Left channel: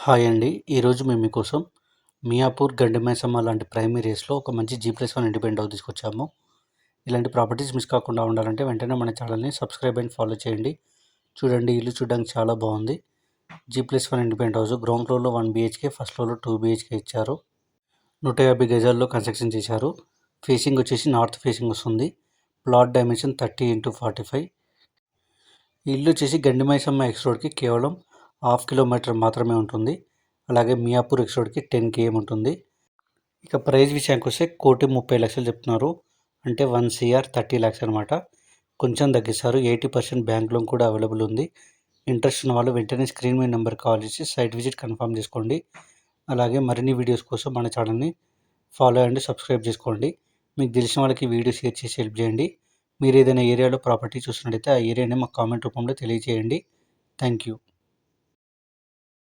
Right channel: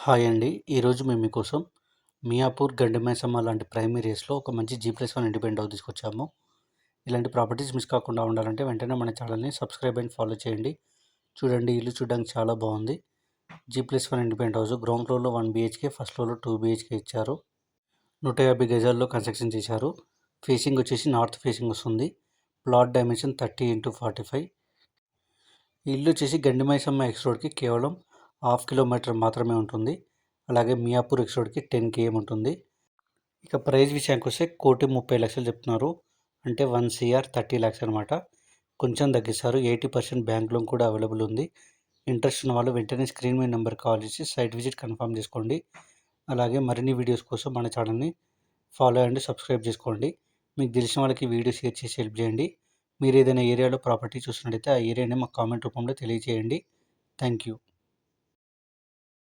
Hi అండి. ఈరోజు మేము మీకోసం మియాపూర్, గండిమైసమ్మ లాంటి ప్రైమ్ ఏరియాస్‌లో ఒక మంచి G+1 ఇండిపెండెంట్ హౌస్ తీసుకొచ్చాము. ఇలాంటి ప్రాపర్టీస్ మిస్ కాకుండా ఉండాలంటే వెంటనే మన ఛానల్‌ని సబ్స్క్రైబ్ అండ్ ఫాలో చేయండి. చూడండి, ఇల్లు చూడడానికి చాలా బాగుంది. G+1 ఇండిపెండెంట్ హౌస్ గ్రౌండ్ ఫ్లోర్‌లో 1 BHK, ఫస్ట్ ఫ్లోర్‌లో 2 BHK ఇచ్చారు. 150 గజాల్లో కన్స్ట్రక్షన్ చేశారు. ఫేసింగ్ వచ్చేసి నార్త్ ఫేసింగ్ వస్తుంది. Plot dimension 30x45. ఈ ఇల్లు వచ్చేసి గండిమైసమ్మ ఎక్స్ రోడ్‌కి కేవలం హాఫ్ కిలోమీటర్ మాత్రమే ఉంటుంది. అలాగే మియాపూర్ ఎక్స్ రోడ్‌కి 10 km ఉంటుంది. ఇక ప్రైస్ విషయానికి వస్తే 1,30,00,000 చెప్తున్నారు. అంటే 1,30,30,00,000 అనమాట. కొంచెం తగ్గిస్తారు. 80% బ్యాంక్ లోన్ కూడా అవైలబుల్ ఉంది. ఇంట్రెస్ట్ ఉన్న వాళ్ళు వెంటనే స్క్రీన్ మీద నెంబర్ కాల్ చేసి సైట్ విజిట్ కన్ఫర్మ్ చేసుకోండి. అలాగే మరిన్ని వీడియోస్ కోసం మన ఛానల్ని ఫాలో అండ్ సబ్స్క్రైబ్ చేసుకోండి. మీకు తెలిసిన వాళ్ళకి వీడియో షేర్ చేసి హెల్ప్ చేయండి. మీరు ఏదైనా ఏరియాలో ప్రాపర్టీ చూస్తున్నట్టయితే ఆ ఏరియాని మాకు కామెంట్ రూపంలో తెలియజేయండి. Thank you.